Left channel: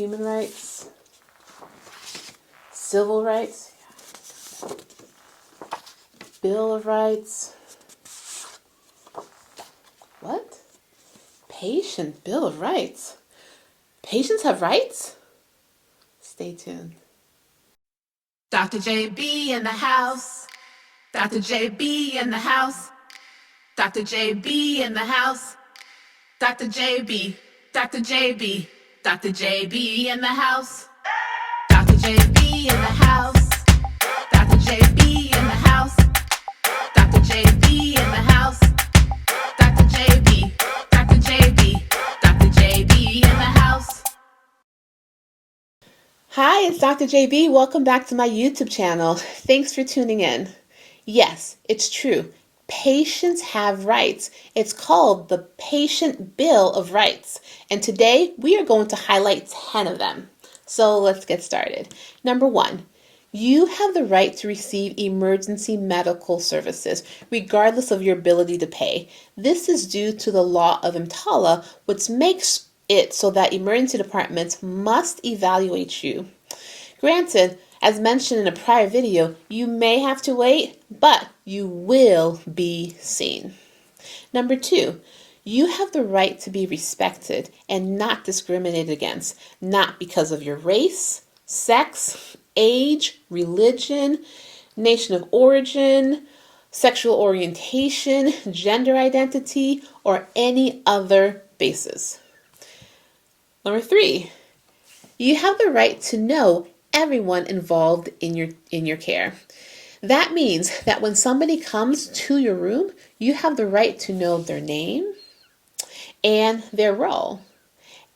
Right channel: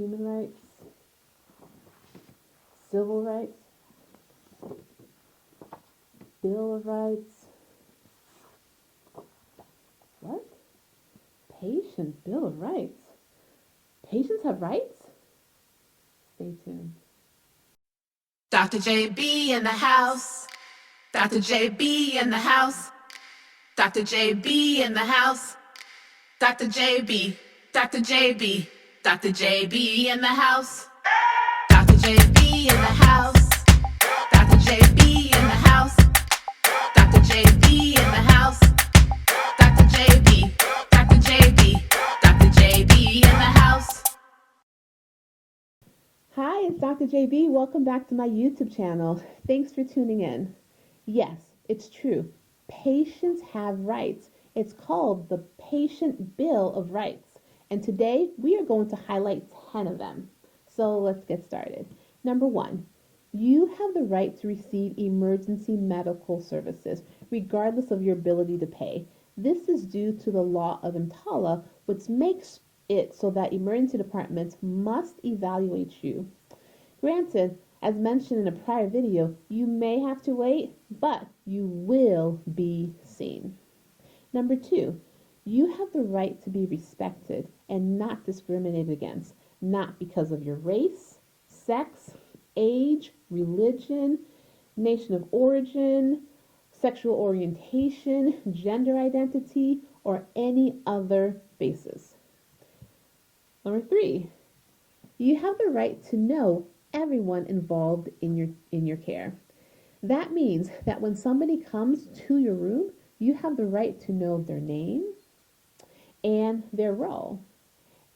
human rights, civil rights, Bill of Rights. What? Patient Bill of Rights. Patients have rights? Stay tuned. Dr. JB in the house. Dr. JB in the house. Dr. JB in the house. Dr. JB. Dr. JB. Dr. JB in the house. Dr. JB in the house. Dr. JB in the house. Dr. JB in the house. Dr. JB. Dr. JB. Dr. JB in the house. Hi, it's Dr. JB. Welcome back to my YouTube channel. Thanks for tuning in. Yes, it's true. Patients have rights. It's called the Patient Bill of Rights. And today we are going to highlight 10 of them. So let's get started. Number 1, you have the right to receive emergency medical services, regardless of your ability to pay. This is due to the law of EMTALA, which makes it so that emergency departments must evaluate you. Granted, as mentioned in a prior video, you may have to wait, but you will be seen. Number 2, you have the right to be respected and not discriminated against, not because of your race, sex, age, religion, nation of origin, sexual orientation, gender identity, or any other basis. Number 3, you have the right to know everyone involved in your care. That means that when somebody comes to your room, you have the right to know their name and their role.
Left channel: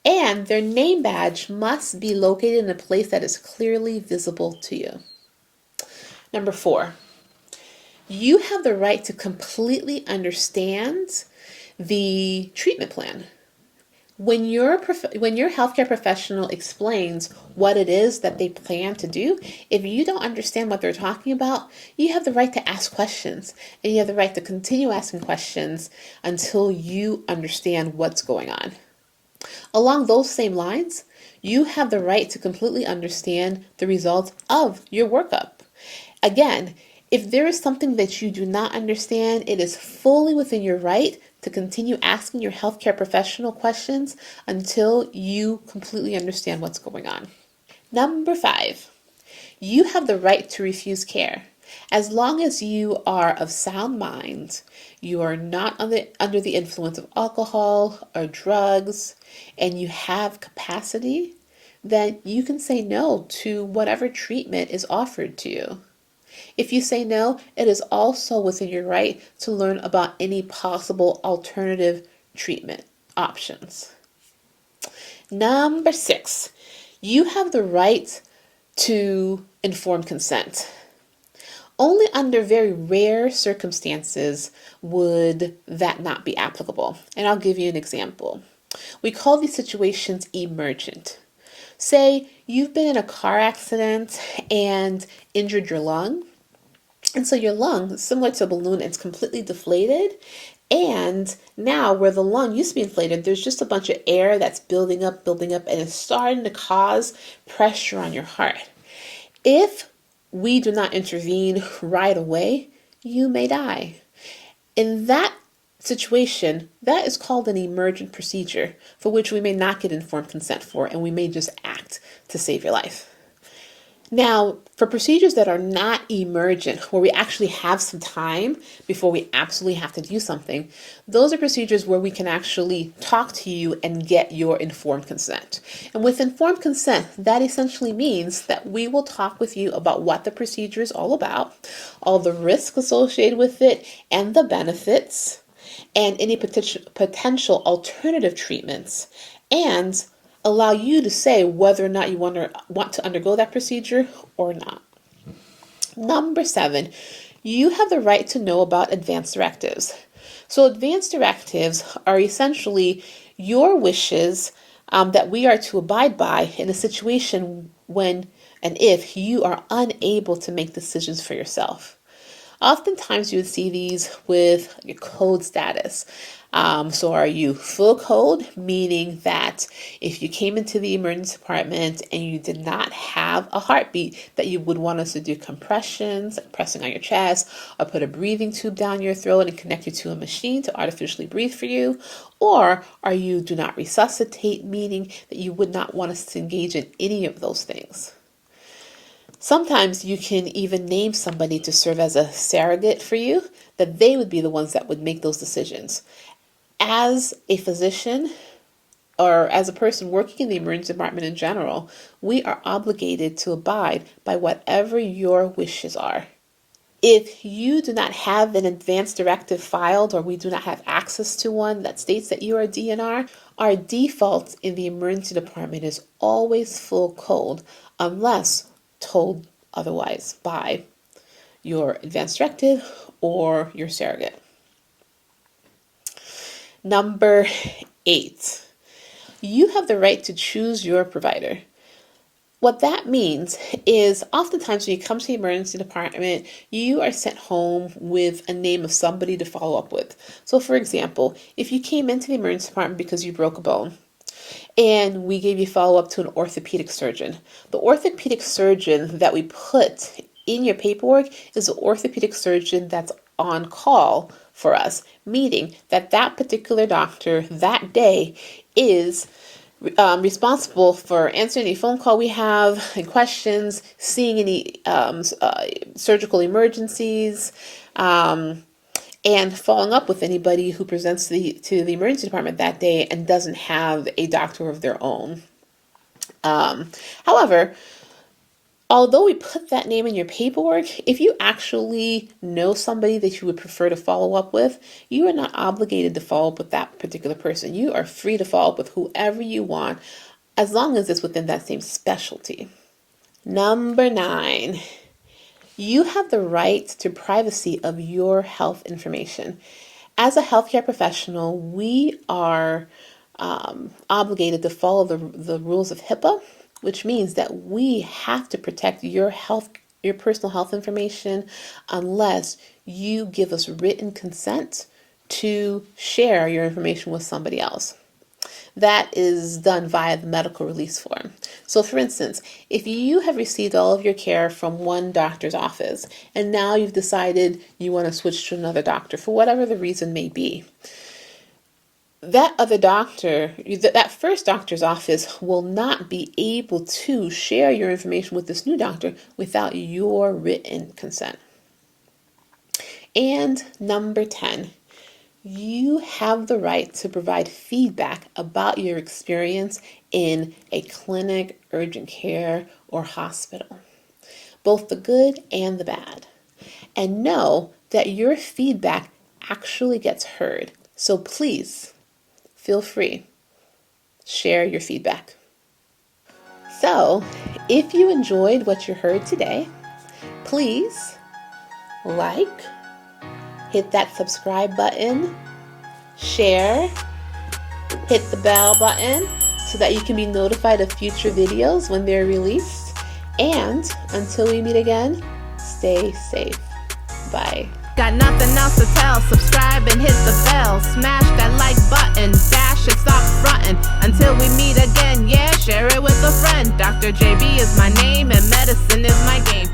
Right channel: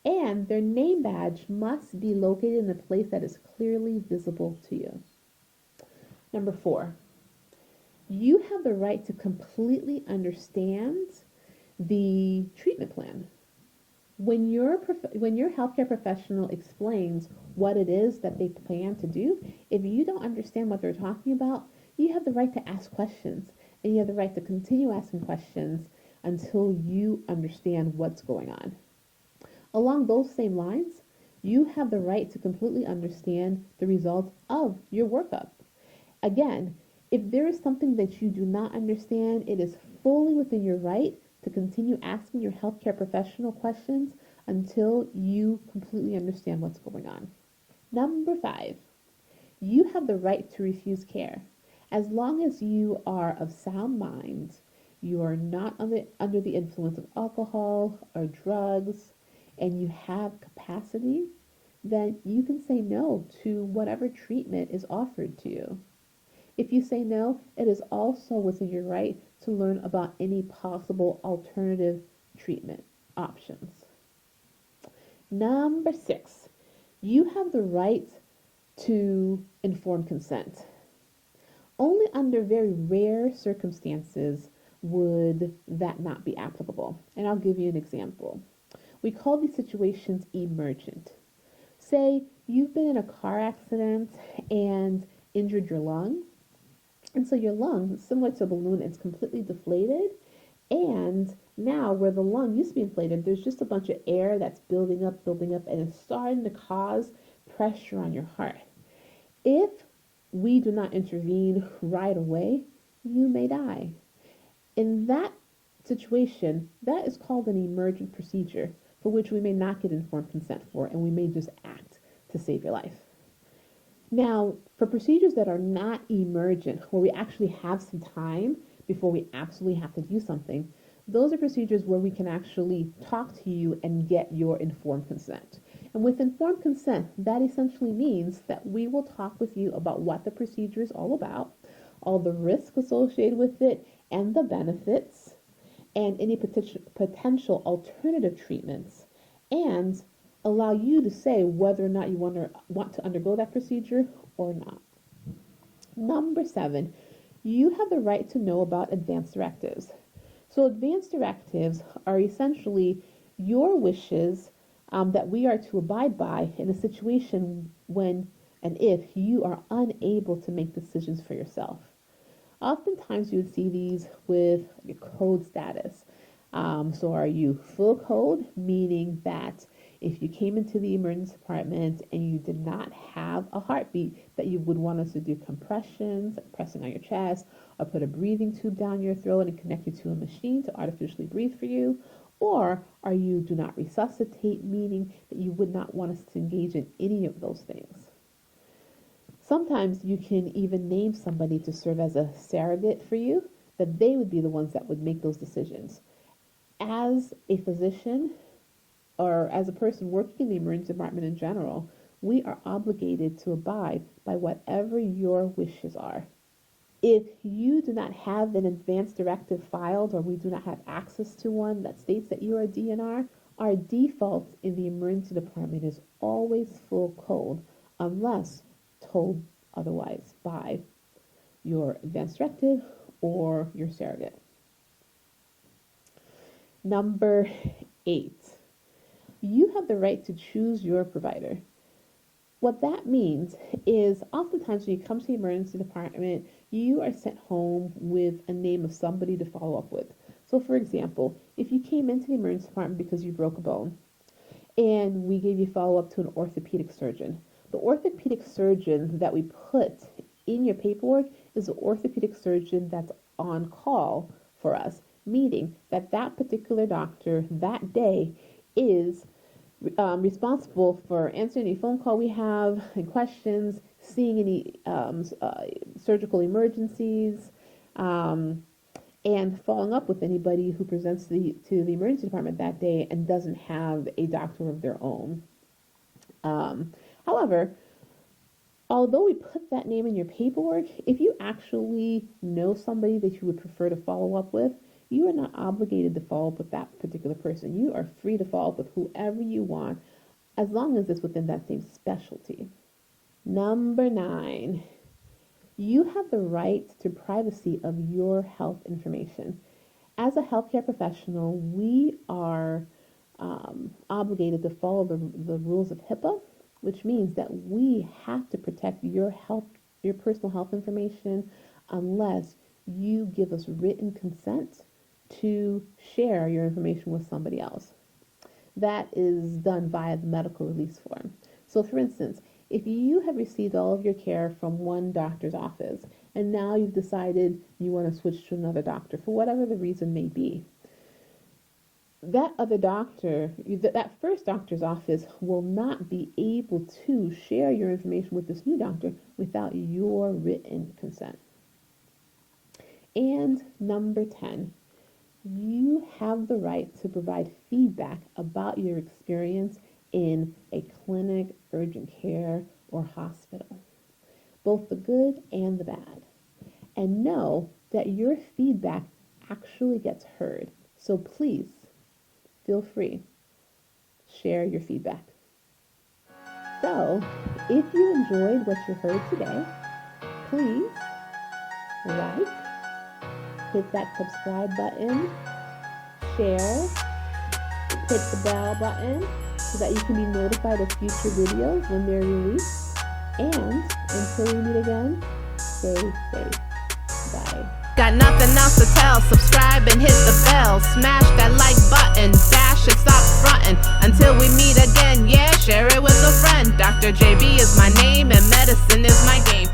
And their name badge must be located in a place that is clearly visible to you. Number 4, you have the right to completely understand the treatment plan. When your healthcare professional explains what it is that they plan to do, if you don't understand what they're talking about, you have the right to ask questions, and you have the right to continue asking questions until you understand what's going on. Along those same lines, you have the right to completely understand the results of your workup. Again, if there is something that you do not understand, it is fully within your right to continue asking your healthcare professional questions until you completely understand what's going on. Number 5, you have the right to refuse care. As long as you are of sound mind, you are not under the influence of alcohol or drugs, and you have capacity, then you can say no to whatever treatment is offered to you. If you say no, it is also within your right to learn about any possible alternative treatment options. Number 6, you have the right to informed consent. Only under very rare circumstances would that not be applicable. And I'll give you an example. We call these situations emergent. Say you've been in a car accident and injured your lung. And so your lung, similar to a balloon, it's completely deflated. And now where the lung used to be inflated, there's just a bunch of air that's building up, and it's starting to cause pressure on your heart. If we do not intervene right away, you may die. In that situation, that is called an emergent procedure for which we may not get informed consent for, and we may just act to save your life. Now, for procedures that are not emergent, where we actually have some time before we absolutely have to do something, those are procedures where we can actually talk to you and get your informed consent. And with informed consent, that essentially means that we will talk with you about what the procedure is all about, all the risks associated with it, and the benefits, and any potential alternative treatments, and allow you to say whether or not you want to undergo that procedure or not. Number 7, you have the right to know about advance directives. So advance directives are essentially your wishes that we are to abide by in a situation when and if you are unable to make decisions for yourself. Oftentimes you would see these with your code status. So are you full code, meaning that if you came into the emergency department and you did not have a heartbeat, that you would want us to do compressions, like pressing on your chest, or put a breathing tube down your throat and connect you to a machine to artificially breathe for you? Or are you do not resuscitate, meaning that you would not want us to engage in any of those things? Sometimes you can even name somebody to serve as a surrogate for you, that they would be the ones that would make those decisions. As a physician or as a person working in the emergency department in general, we are obligated to abide by whatever your wishes are. If you do not have an advance directive filed, or we do not have access to one that states that you are a DNR, our default in the emergency department is always full code unless told otherwise by your advance directive or your surrogate. Number 8, you have the right to choose your provider. What that means is oftentimes when you come to the emergency department, you are sent home with a name of somebody to follow up with. So for example, if you came into the emergency department because you broke a bone, and we gave you follow up to an orthopedic surgeon. The orthopedic surgeon that we put in your paperwork is the orthopedic surgeon that's on call for us, meaning that that particular doctor that day is responsible for answering any phone call we have and questions, seeing any surgical emergencies, and following up with anybody who presents to the emergency department that day and doesn't have a doctor of their own. However, although we put that name in your paperwork, if you actually know somebody that you would prefer to follow up with, you are not obligated to follow up with that particular person. You are free to follow up with whoever you want, as long as it's within that same specialty. Number 9. You have the right to privacy of your health information. As a healthcare professional, we are obligated to follow the rules of HIPAA, which means that we have to protect your personal health information unless you give us written consent to share your information with somebody else. That is done via the medical release form. So for instance, if you have received all of your care from one doctor's office and now you've decided you want to switch to another doctor for whatever the reason may be, that other doctor, that first doctor's office will not be able to share your information with this new doctor without your written consent. And number 10, you have the right to provide feedback about your experience in a clinic, urgent care, or hospital, both the good and the bad. And know that your feedback actually gets heard. So please, feel free, share your feedback. So, if you enjoyed what you heard today, please like, hit that subscribe button, share, hit the bell button so that you can be notified of future videos when they're released. And until we meet again, stay safe. Bye. Got nothing else to tell. Subscribe and hit the bell. Smash that like button. Dash it, stop frontin'. Until we meet again, yeah, share it with a friend. Dr. JB is my name and medicine is my game.